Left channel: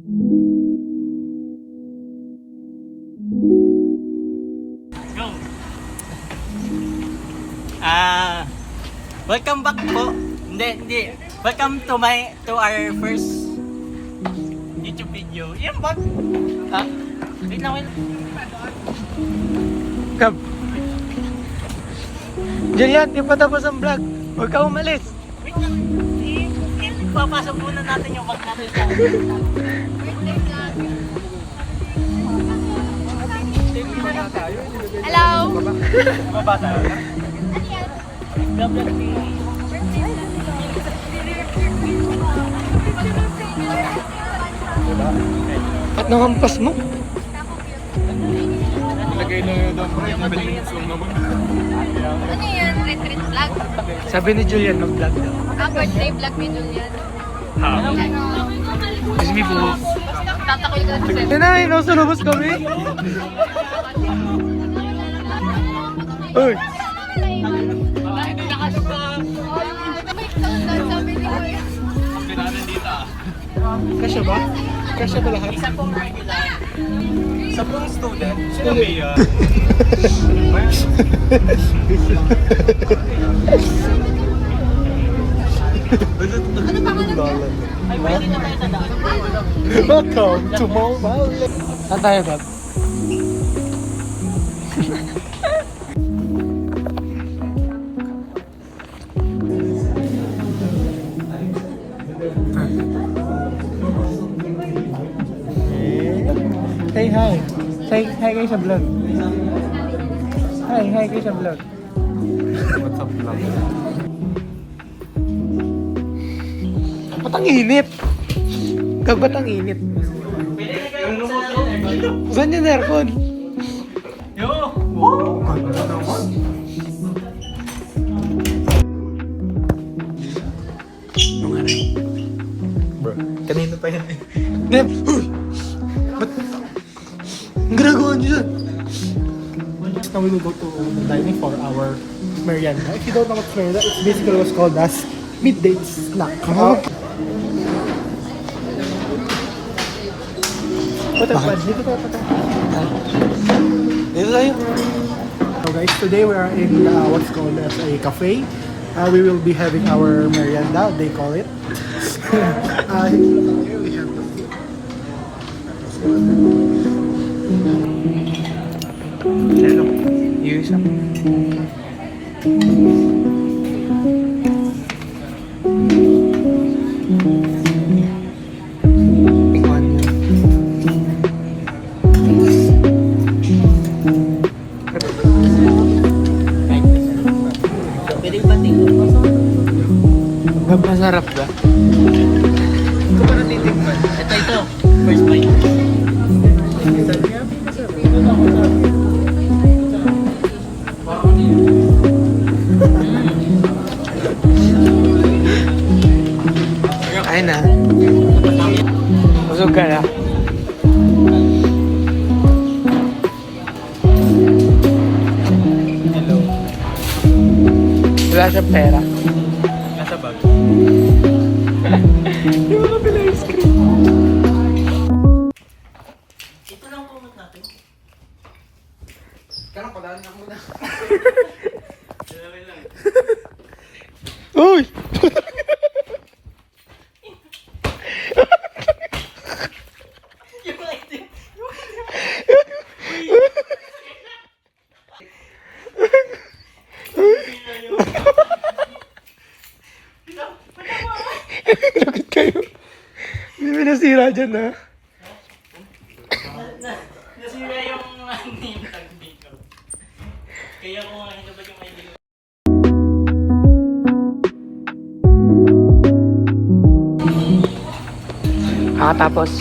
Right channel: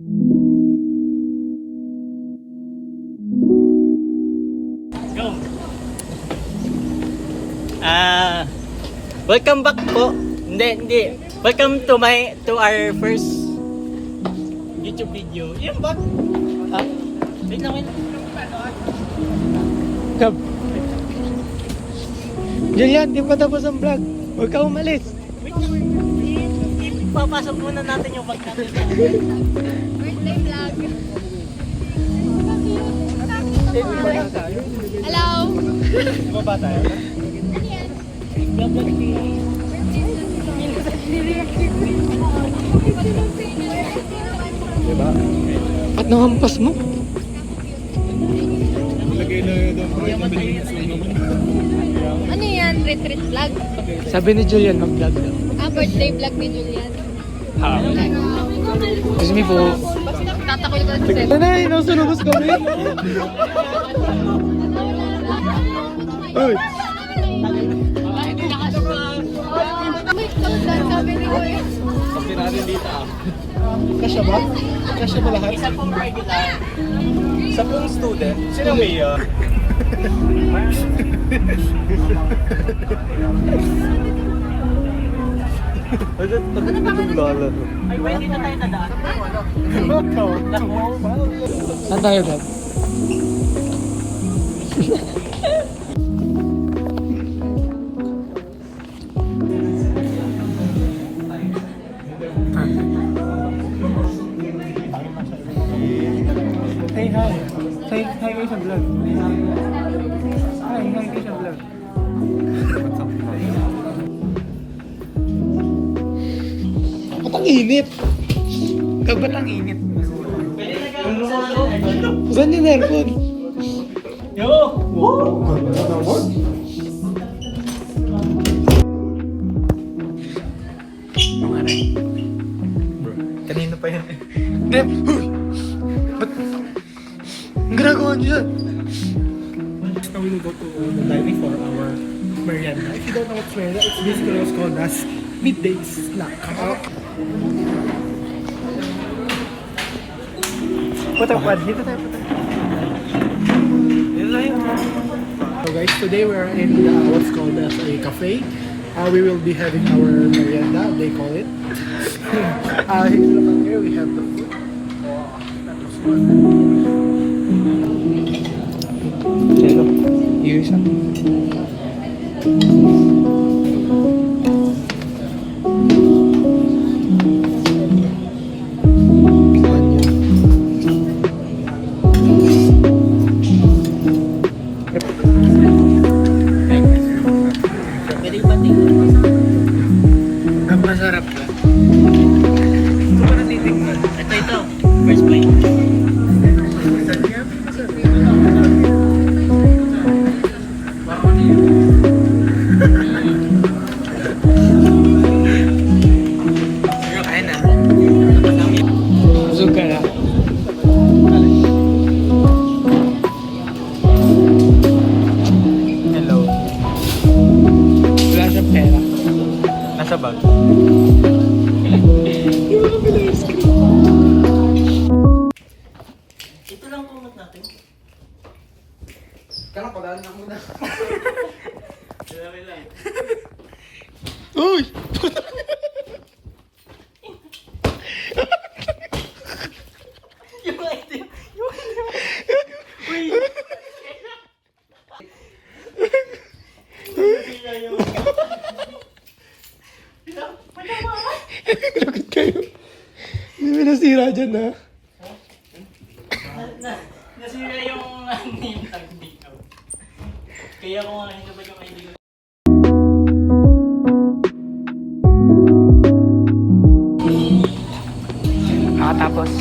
Go! Welcome back po. Hindi. Welcome to our first YouTube video. Yan ba? Wait lang. Kab. Julian, di pa tapos ang vlog. Huwag ka umalis. Wait lang. Papasok muna natin yung bag natin. Hello! Baba tayo na? Vlog si... At nakampas mo. Lagay na yun ang pre. 7 minutes lang naman. Ano yan? Retreat vlog? Sabi ni Julian, mag-vlog daw. Birthday vlog ni Julian. Excuse me po. Tatakoy ko kasi. Yan na, inusulubos kami. Uy. May countdown sabi ni Kuya. Sabi natin dito Kasya ba? Kasya ba lahat? Isa pong regular. Isa pong student. Sino Mia? Ay, pwede na tayo nanaan. Welcome to Mobile. Saan tayo, Gab? Say hi. Say hi kayo sa vlog. Hi kayo sa vlog. What's up, vlog? Ba't ang init? Gab, ba't ang init? Saan yung aircon? Yo! Ganda naman. Ang aray. Bro, kanina pa yun. Nep! Ba't? Ang ginagawa niya? Now we will go to the dining for our merienda. If you don't know what's merienda, it's basically what's called as midday snack. Dito tayo. So guys, today we are in what's called as a cafe. We will be having our merienda, they call it. We have the food. Hello. Use Pwede ba tingnan? masarap ba? Ito. First bite. Ay na. Busog ka na. Hello. Wala siyang pera. Nasa bag? Di ba kapila ice cream? Ito lang kumot natin. Kailan padaan na muna. Dalawa lang. Uy! Yung item. Uy! Lagot kayo. Hindi mo nasira dyan ha. Nasira yung yung tagdito. Kaya kung hindi ba yung idea. Tapos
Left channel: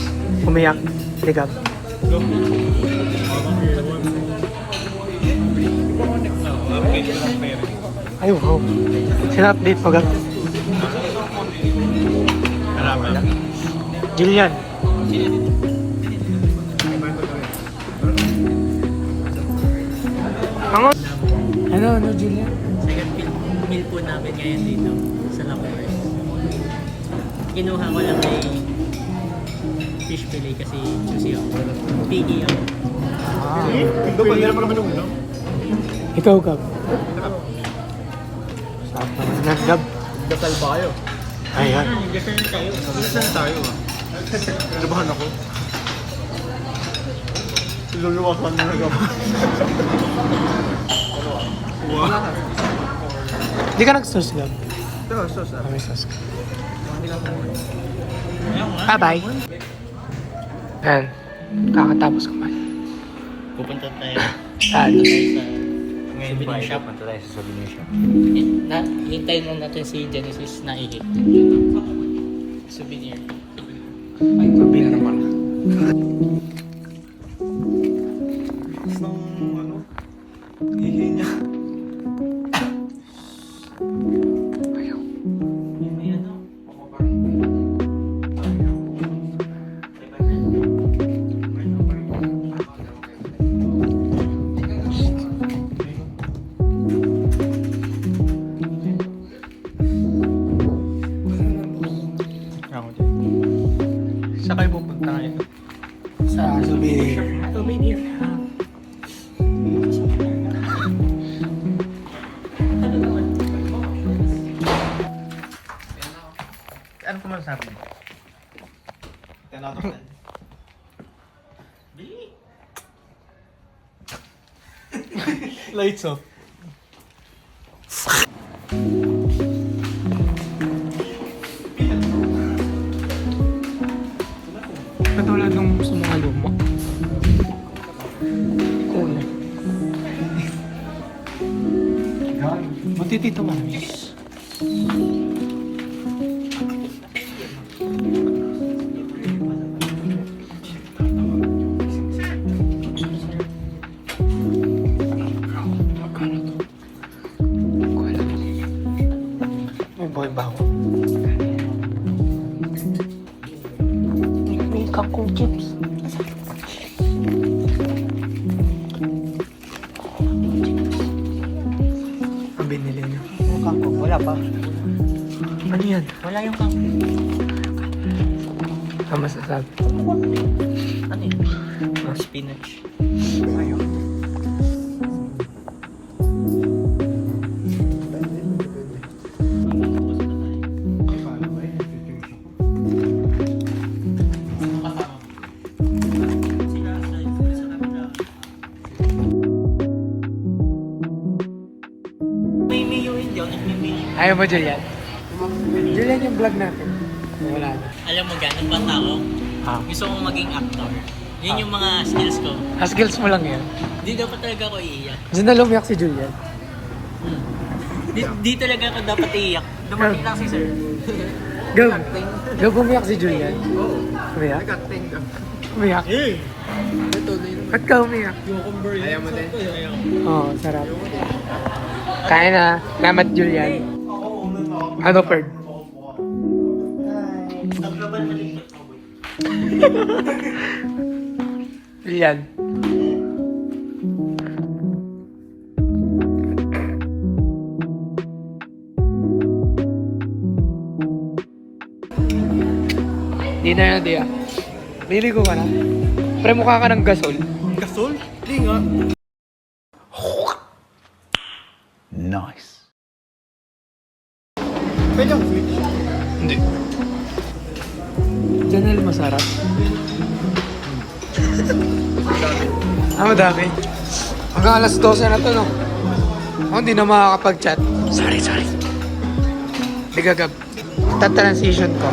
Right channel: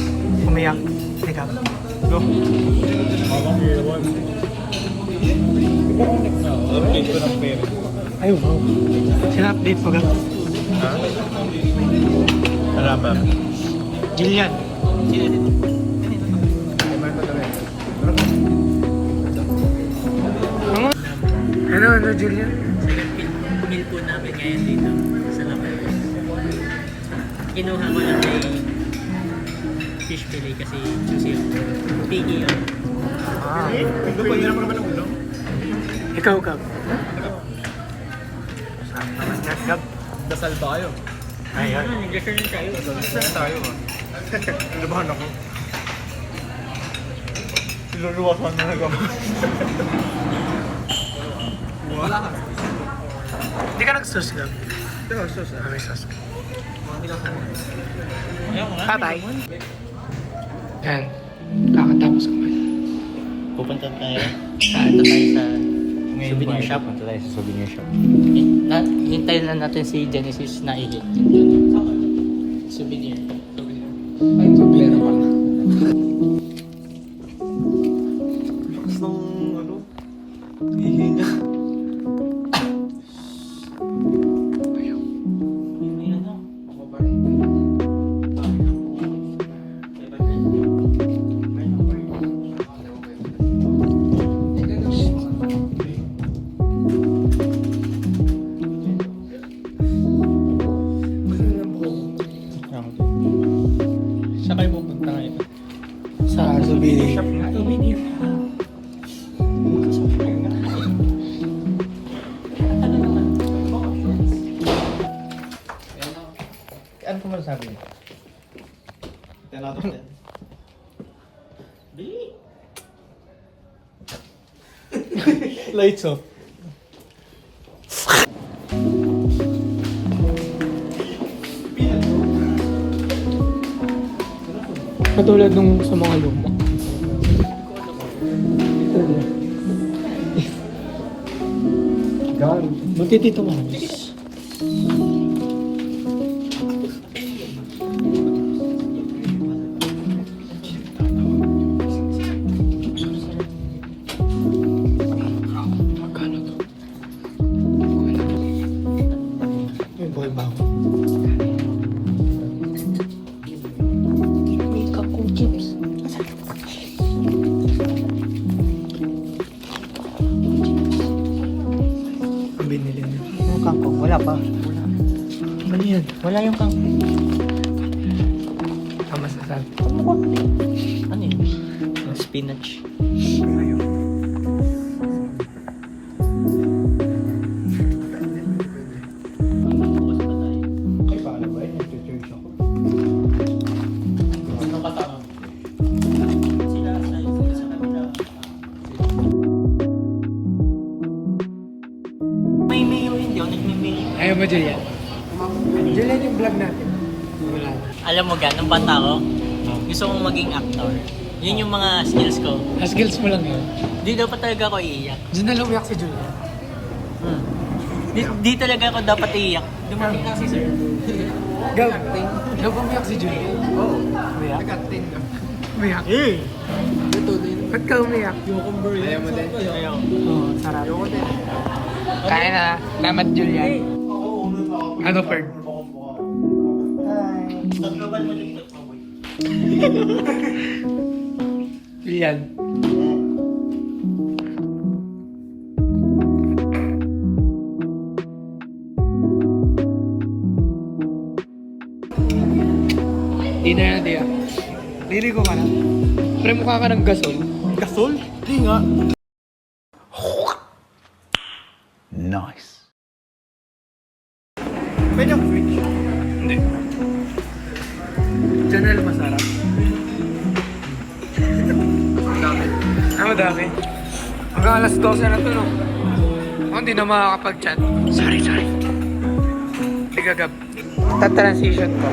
umiyak. Sige. Go. Update ko ng pera. Ay wow. Sina update pag Salamat. Jillian. Ano, Julian? Second meal po namin ngayon dito sa Lapores. Kinuha ko lang fish fillet kasi juicy ako. Piggy ako. Ah. Ikaw, Gab. Sarap naman na, Gab. Dasal ba kayo? Ayan. Mag-gasal tayo. Dasal tayo. Labahan ako. Luluwasan mo na gawin. Hindi ka nag-sauce, Gab. Ito, sauce ah. May sauce ka. Hindi lang kumuha. Bye-bye. Ayan. Kakatapos ko man. Pupunta tayo Saan? sa souvenir shop. Souvenir shop. Hintayin na natin si Genesis na ihit. Souvenir. Souvenir naman. Gusto ng ano? Hihinga. Ako din. Saan kayo pupunta ngayon? Sa souvenir. Souvenir. Ano ko masasabi niyo? 10 out of 10. Lights off. Katulad nung sa mga luma. Cool. Buti dito maraming. Magkano to? May boy ba ako? May kangkong chips. Ang binili niya. Wala pa. Ano yan? Wala yung pang... Ano masasabi? Ano yun? Ang spinach. May mayo hindi ako nagme-mayo. Ayaw mo, Julian? Julian yung vlog natin. Wala. Alam mo gan, nung bata ko, gusto kong maging actor. Yun yung mga skills ko. Skills mo lang yan. Di dapat talaga ako iiyak. Diyan na lumiyak si Julian. Di talaga ako dapat iiyak. Dumating lang si sir. Gab. Gab, umiyak si Julian. Umiyak? Umiyak? Ba't ka umiyak? Ayaw mo din? Ayaw. Oo, sarap. Kaya na. Salamat, Julian. Ano, Ferg? Naglabal mo dito. Julian. Di na yan, di ah. Liligo ka na. Pre, mukha ka ng gasol. Gasol? Hindi nga. Nice. Pwede ako switch. Janelle, masarap. Madami. Hanggang alas 12 na to, no? Ako hindi na makakapag-chat. Sorry. Di gagab. Ta-transition ko.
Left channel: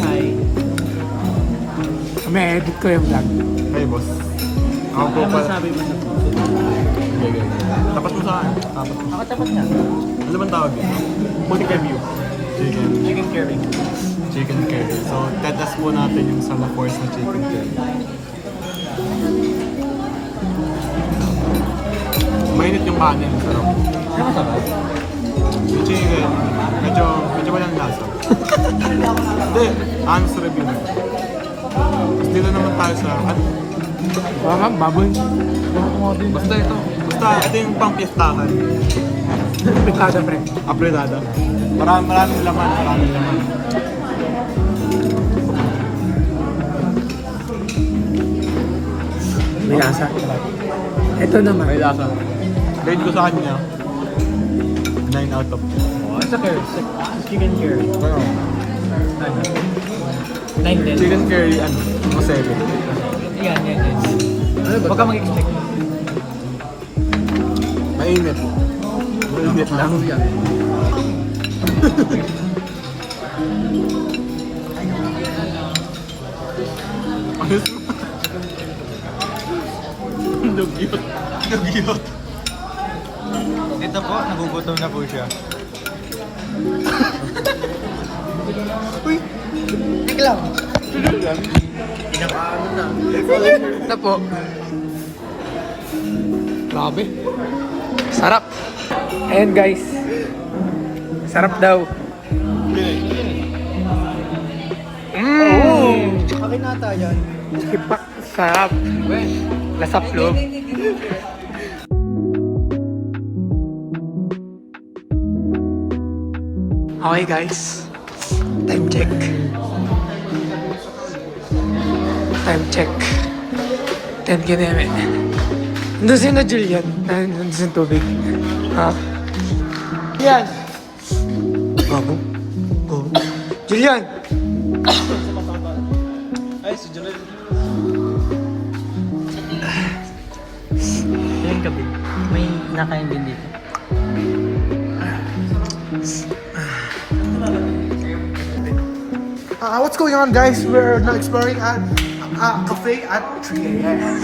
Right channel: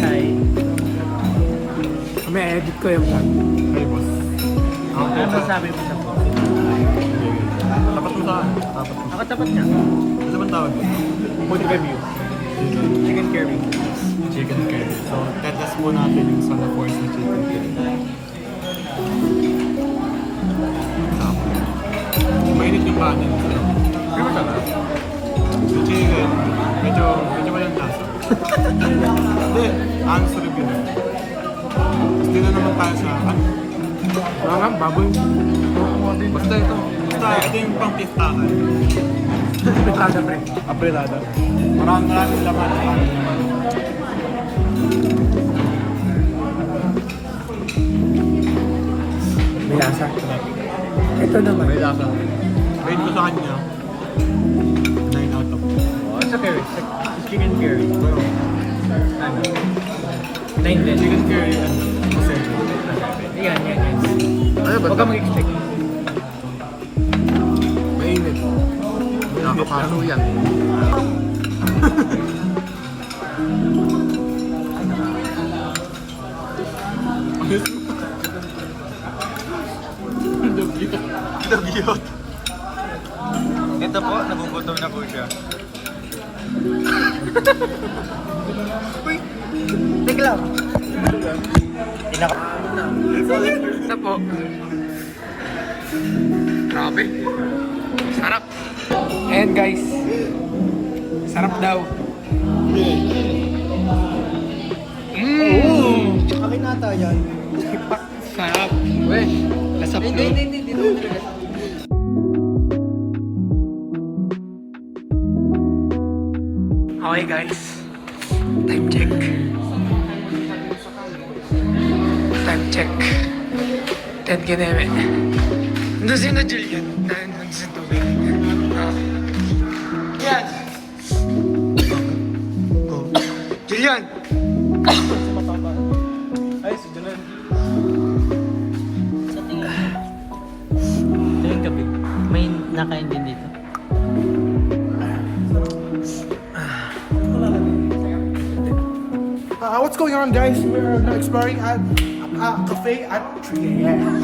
Hi. May edit ko yung vlog. Hey, boss. Ako po Ano pa. masabi mo sa po? Tapat mo sa akin. Tapat mo. Ako tapat nga. Ano bang tawag dito? Boutique review. Chicken curry. Chicken curry. So, tetas po natin yung sa La Force na chicken curry. Mainit yung kanin. Sarap. Ano masarap? Yung chicken, medyo walang lasa. Hindi, honest review lang. Tapos dito naman tayo sa, Parang baboy. basta ito. Basta ito yung pang-pistahan. Petada, pre. Apretado. Maraming laman, maraming laman. May asa. Ito naman. May lasa. Rate ko sa kanya, 9 out of 10. Sa curry, sa chicken curry. Pero, Ano? 9 din. chicken curry, ano, 7. Yan. Huwag ka mag-expect. Mainit. Mainit lang. Ayos mo. Dugyot. Dugyot. Ito po, nagugutom na po siya. Uy! Tek lang. Ito po. Grabe. Sarap. Ayan guys. Sarap daw. Akin nata yan. Sarap. Lasap loob. Okay guys. Time check. Time check. 10 kineme. Nandun si na Julian. Nandun sa tubig. Yan. Babo. Go. Julian. Ito yung gabi. May nakain din dito. What's going on, guys? We're now exploring at a cafe at 3 a.m.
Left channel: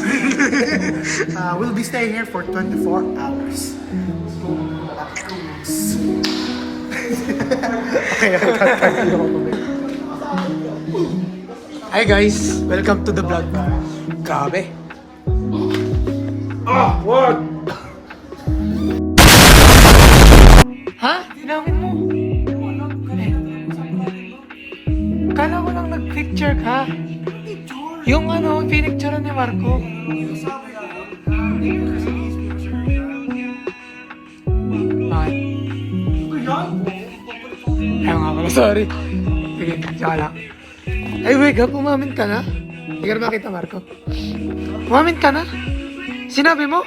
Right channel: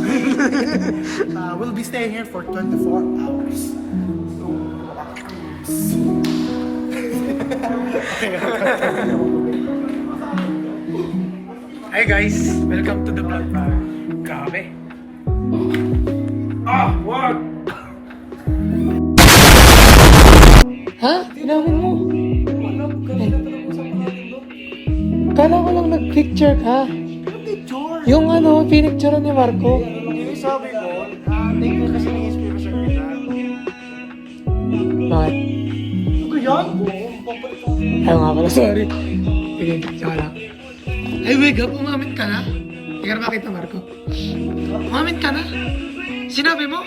We'll be staying here for 24 hours. Hi guys, welcome to the vlog. Grabe. What? Ha? Tinawin mo? Kala ko lang nag-picture ka. Yung ano, pinicture ni Marco. Sabi ko, hindi ko kasi inspiration niya. Bakit? Ano yan? Ayaw nga pala, sorry. Sige, saka lang. Ay, wait up, umamin ka na? Hindi ka na makita, Marco. Umamin ka na? Sinabi mo?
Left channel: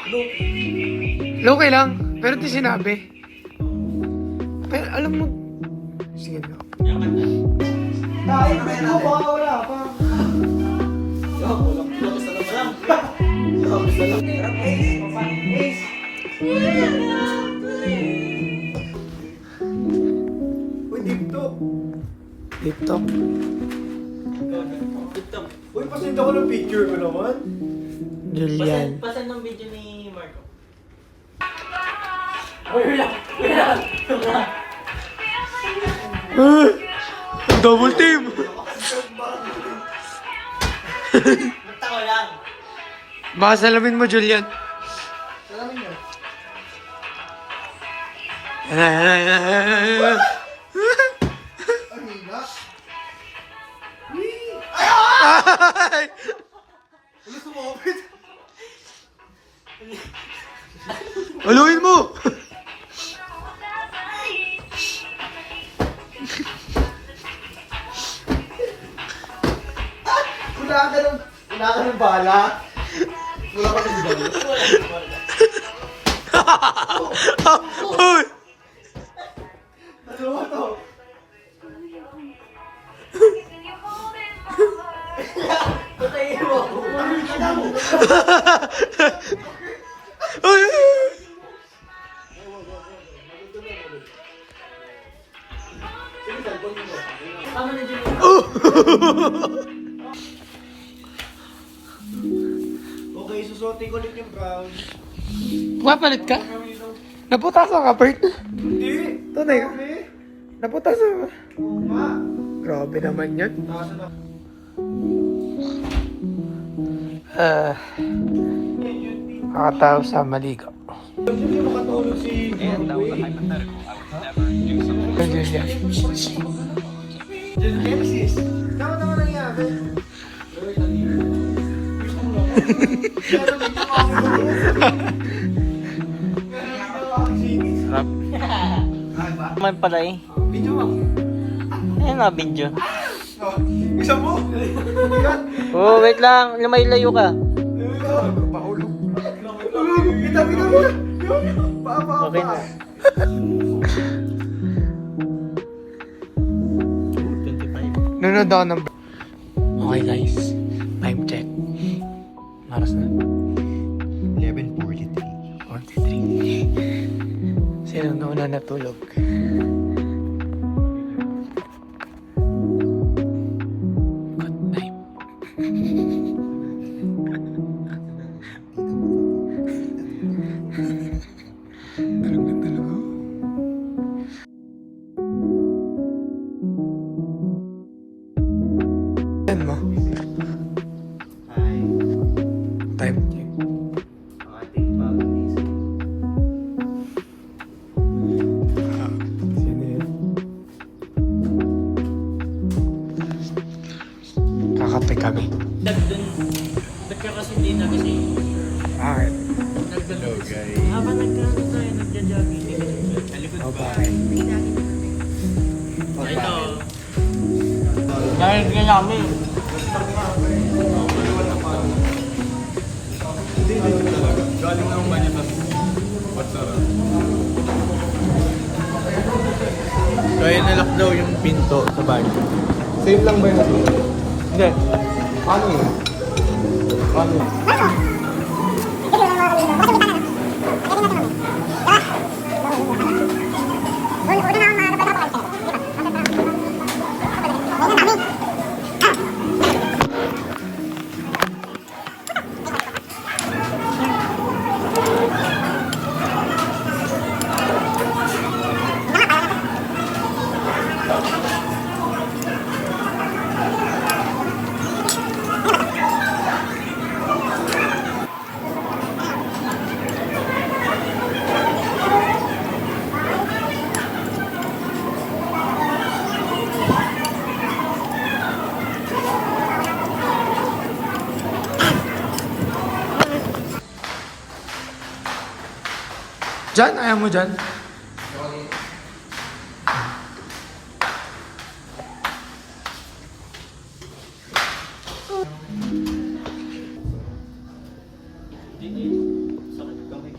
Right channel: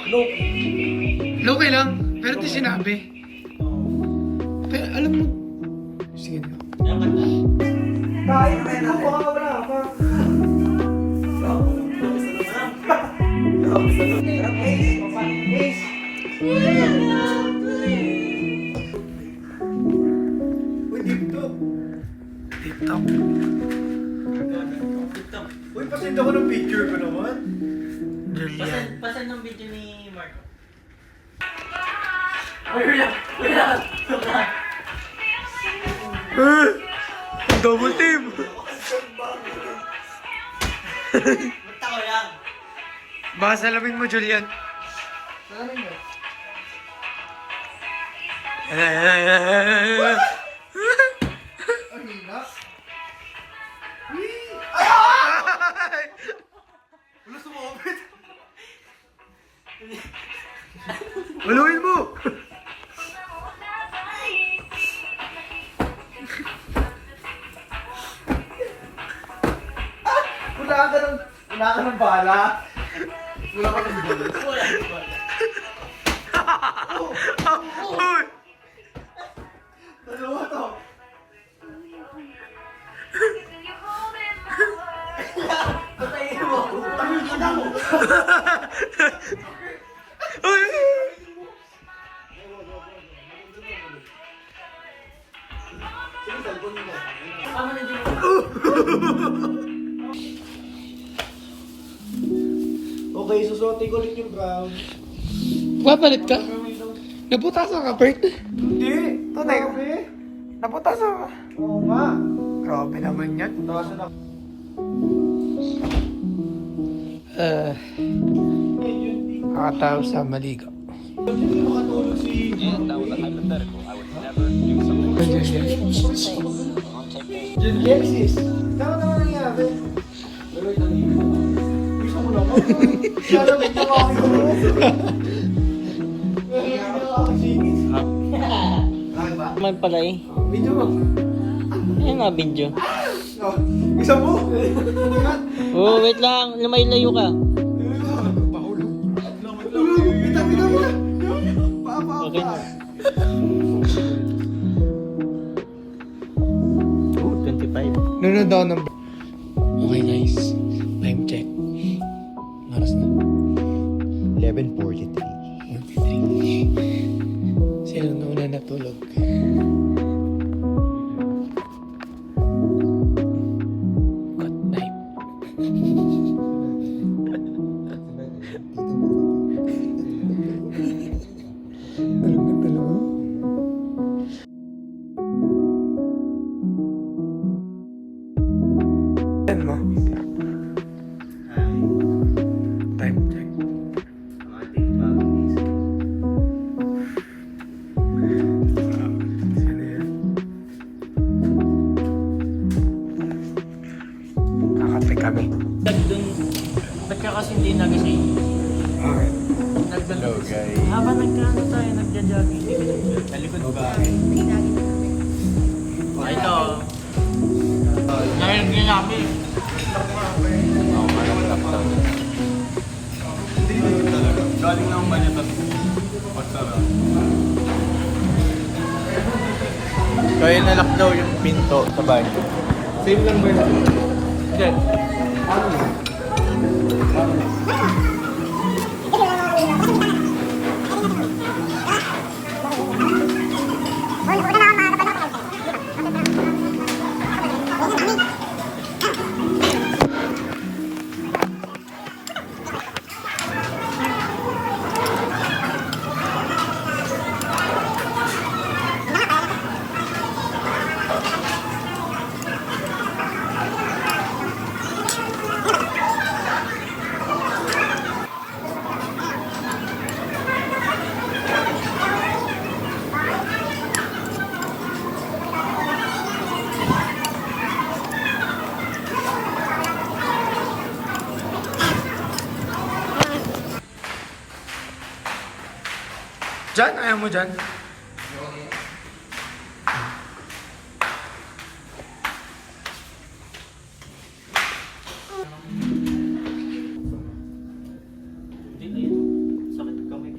Low lang, pero di sinabi. Pero alam mo... Sige na. Kain mo, baka wala pa. Uy, TikTok. TikTok. Uy, pasend ako ng picture ko naman. Julian. Pasan ng video ni Marco. Double team! Basta ko lang. Baka salamin mo, Julian. Yan. Ay! Aluin mo! Wala ka ng bala. Wala ka ng bala. Uy! Ano to? Patayin mo. Ano mo? Uy! Okay, susuotin ko ulit yung brown. Papalit ka? Naputasan ka, Bert? Hindi. Tunay. Grabe. Naputasan ka. Oo nga. Grabe naman yan. Nasa na. Nakatao sa maligaw. Hindi makatulog si... And that was a hypothetical. I would never do something like Just Genesis. Tama naman nangyari. Gusto mo naman. Siya naman yung ako. vlog pala eh. Video mo. Ayun na, video. Isa mo. Oh, wait lang. Lumayo ka. Kita. Pa. Okay na. Oh, 25. Nanonood ako ng... Okay guys, time check. Maras na. 11:43. 43. Sino nauna natulog? Good night. Tulog na tulog. Yan mo. Time check. Sino yan? Kakape kami. Ba't ka kasi hindi nagising? Alright. Hello guys. Habang nagkaroon tayo, nagja-jogging. Talikod ba? Ito. Dahil nga namin. Hindi legit talaga. Galing lang ba niya tas patsara. Kaya nalock daw yung pinto sa bahay. Same lang ba yun? Hindi. Paano yun? Paano yun? Jan, ayaw mo dyan? Sakit kami.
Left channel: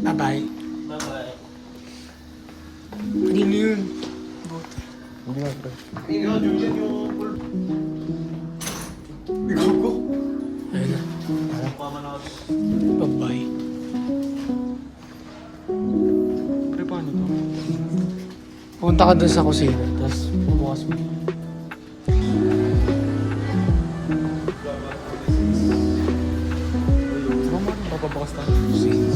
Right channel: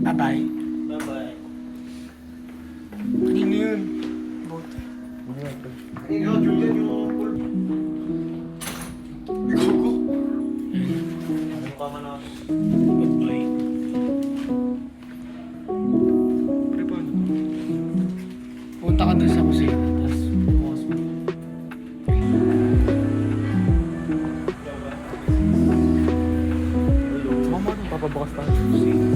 Bye-bye. Bye-bye. Kanino yun? Buti. Ayun na. Bye-bye. Punta ka dun sa kusina, tapos bukas mo. Pagkabukas tayo sa kusina.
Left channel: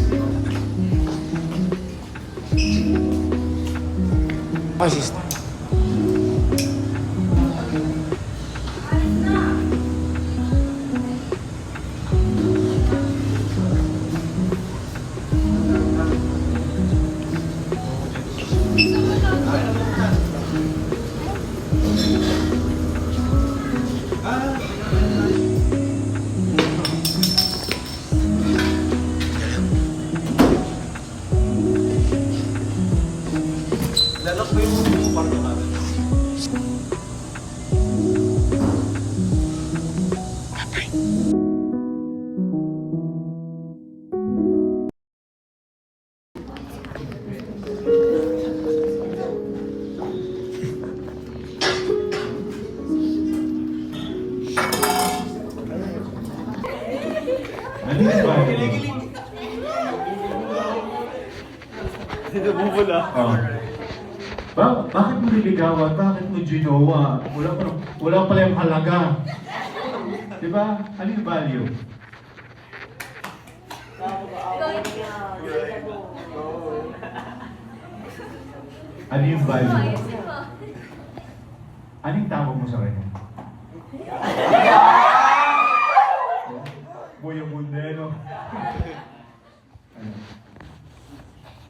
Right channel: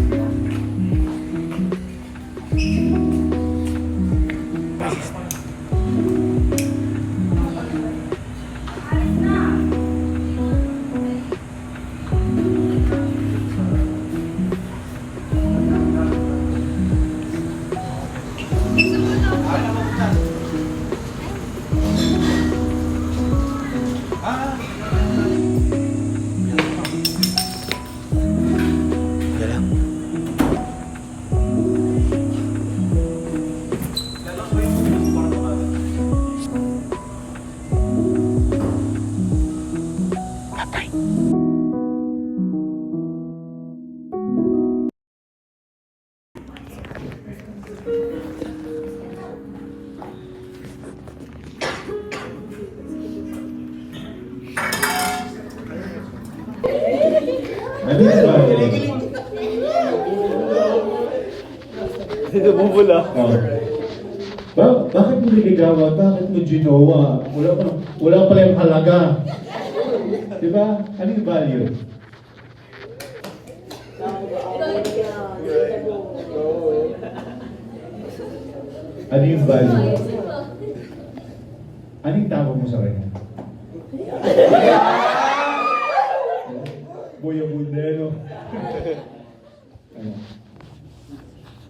Assist. Bakit mo niligawan? Bakit mo ginawa? Wala pala yung halaga. Diba? Ano yung value? Ano yung value? Anong tawag mo sa kanya? Kuya Bundero. Ano?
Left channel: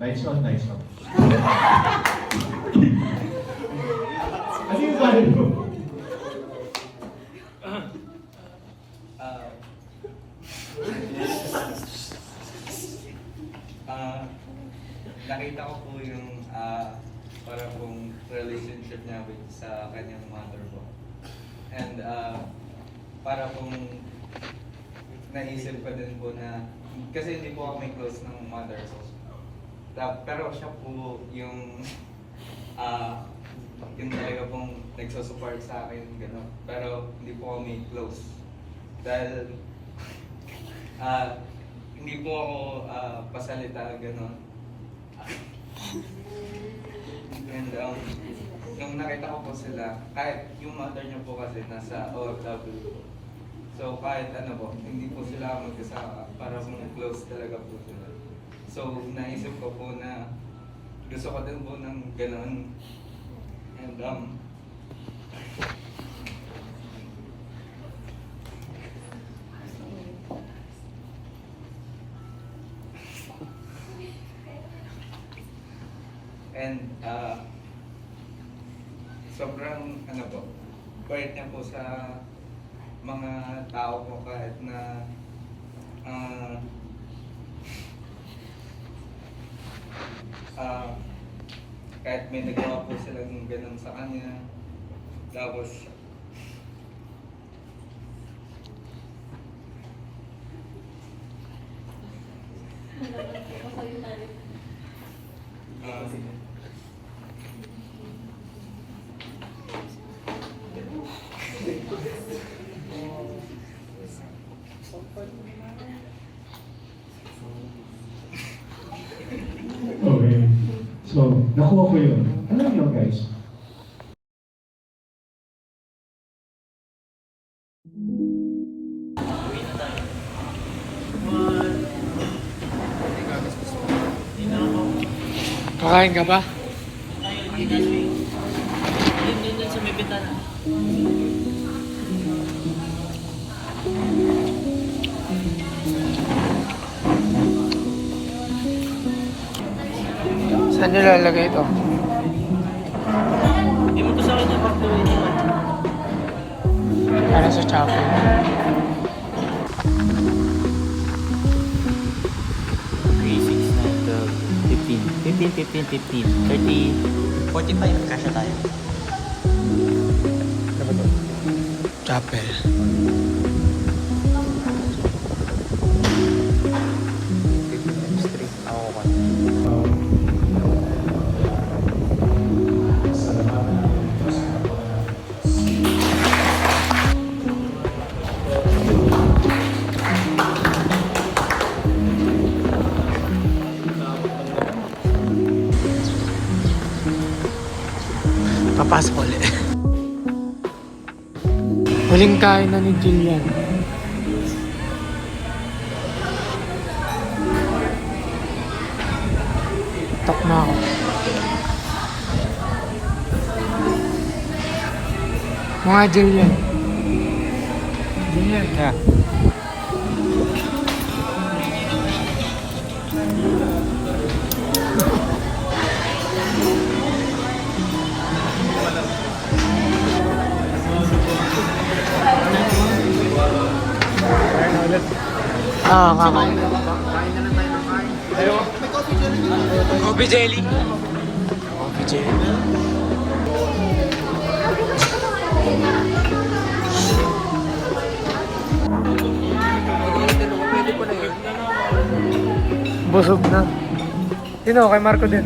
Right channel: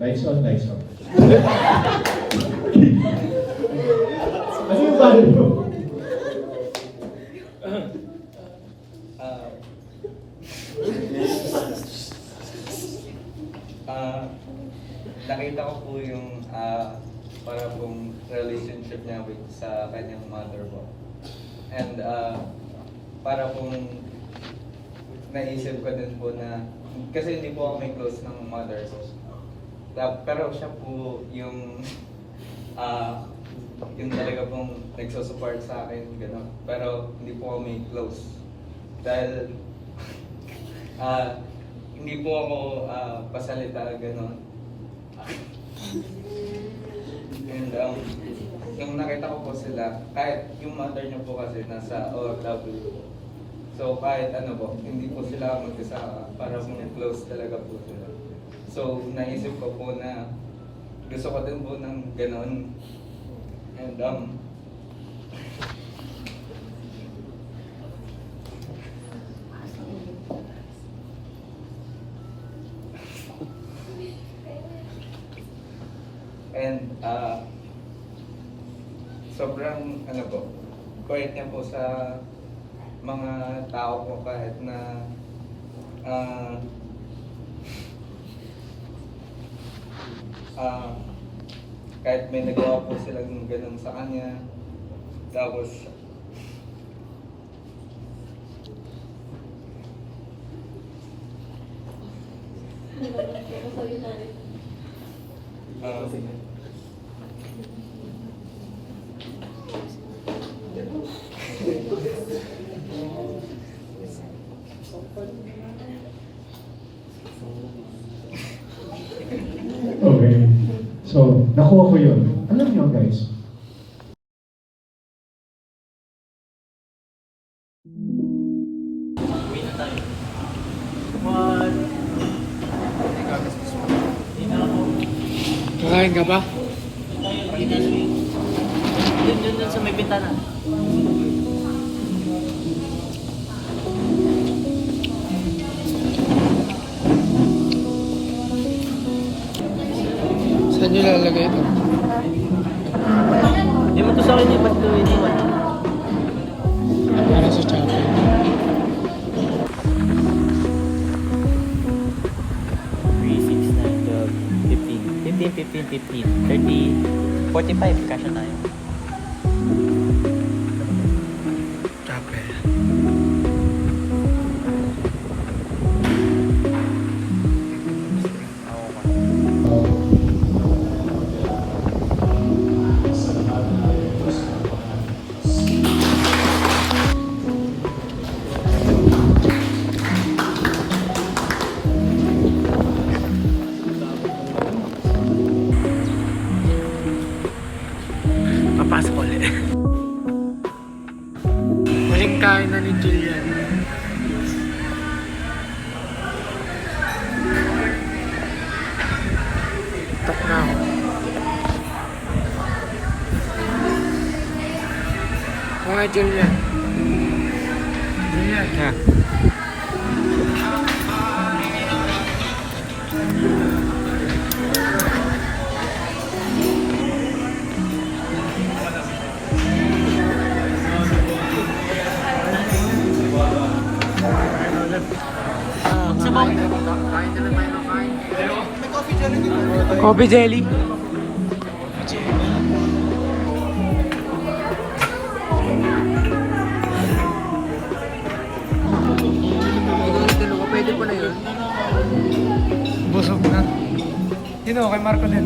Nice on, nice on. Ano yung value mo? Nakita ko po yung relationship niya with sa kanyang mother po. And para pong naisip ko din po na, kasi hindi po kami close ng mother ko. Pero siya po yung talaga pong nagsusupport sa akin, gano'n. Pero hindi po kami close. Dahil hindi po ako pasalita, gano'n. And nung nakita ko po sila, kahit yung mother niya po kasi nasa OFW. So kahit ano po, hindi po sila magkasama, para close talaga po sila. So naisip ko po na gusto ko din po ng gano'n. And sobrang ano po, quiet niya po sa mga tao po kahit na kahit may nagawa po sila ng ganun sa kanya. Tapos Okay. So, nakuha ko yun. Alam niyo guys, Kakain ka ba? Dun sa may bintana. Saan nyo lalagay ito? Hindi mo to sa kanya pag iniwan. Para sa chapel. $15, 30, 45, kasya tayo. Chapel. Papasok ulit. Huling kain na ni Jillian. Tok na ako. Mga Jillian. Jillian. Yeah. Kakain ka ba? Coffee jelly. Coffee jelly. Busog na. Yun o, kay Marco din.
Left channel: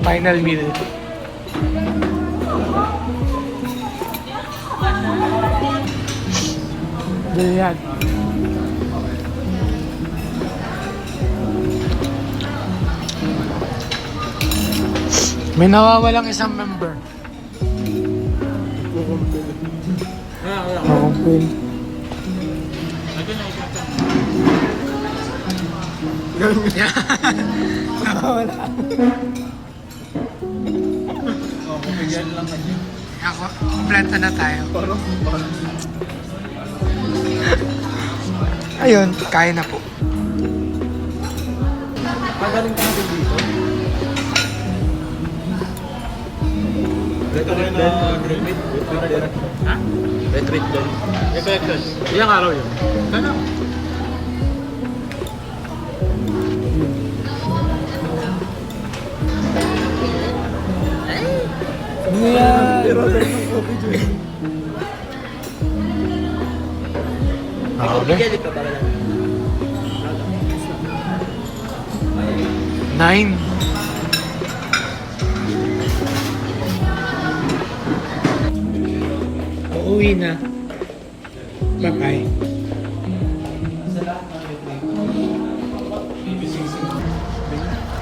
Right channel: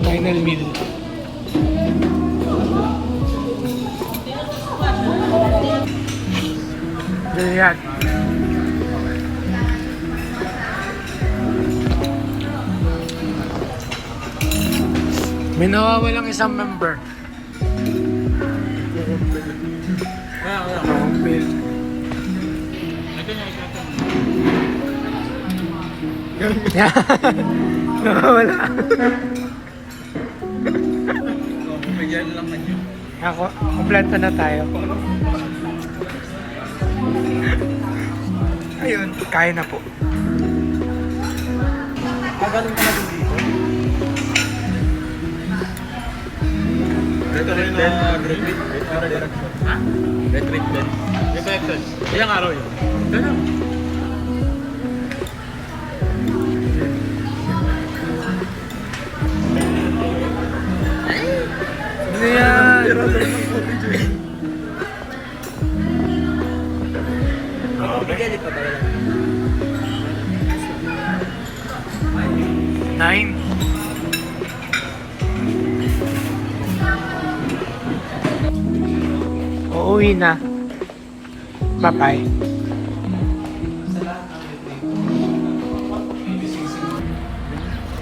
Final meal. Ganyan. May nawawalang isang member. Kukumpil. Nawawala. Ako, kompleto na tayo. Ayun, kaya na po. Ang galing ka na dito. Ha? Retreat doon. Ilang araw yun? Ano? Sino yan? Okay. 9. Uuwi na. Bye-bye.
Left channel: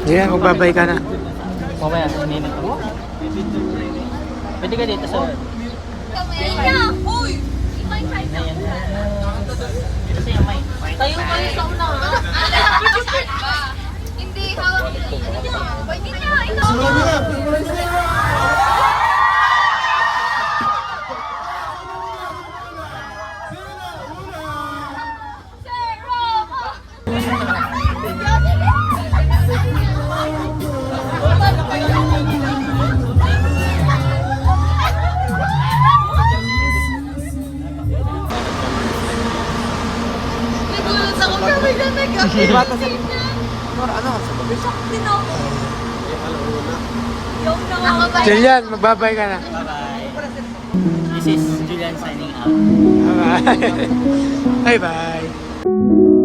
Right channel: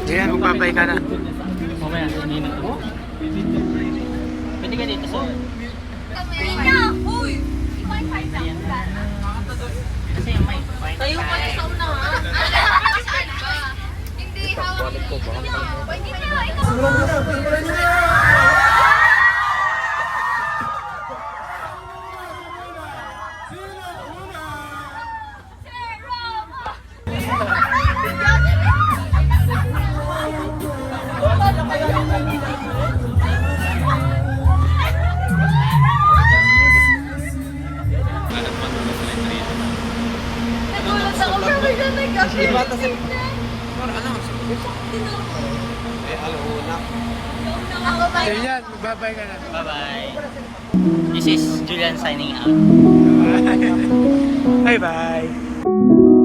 Yan, magbabay ka na. Mamaya, minute ako. Pwede ka dito sa... Uy! Ayan. Dito siya, may. Tayo mo isang na. Hindi, hawak mo. Ano nyo? Pwede nyo. Ikaw. Ako ba? Julian, magbabay ka na. Bye-bye. This is Julian signing out. Bye-bye.